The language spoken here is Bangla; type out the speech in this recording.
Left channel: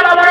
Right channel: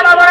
কেন মনে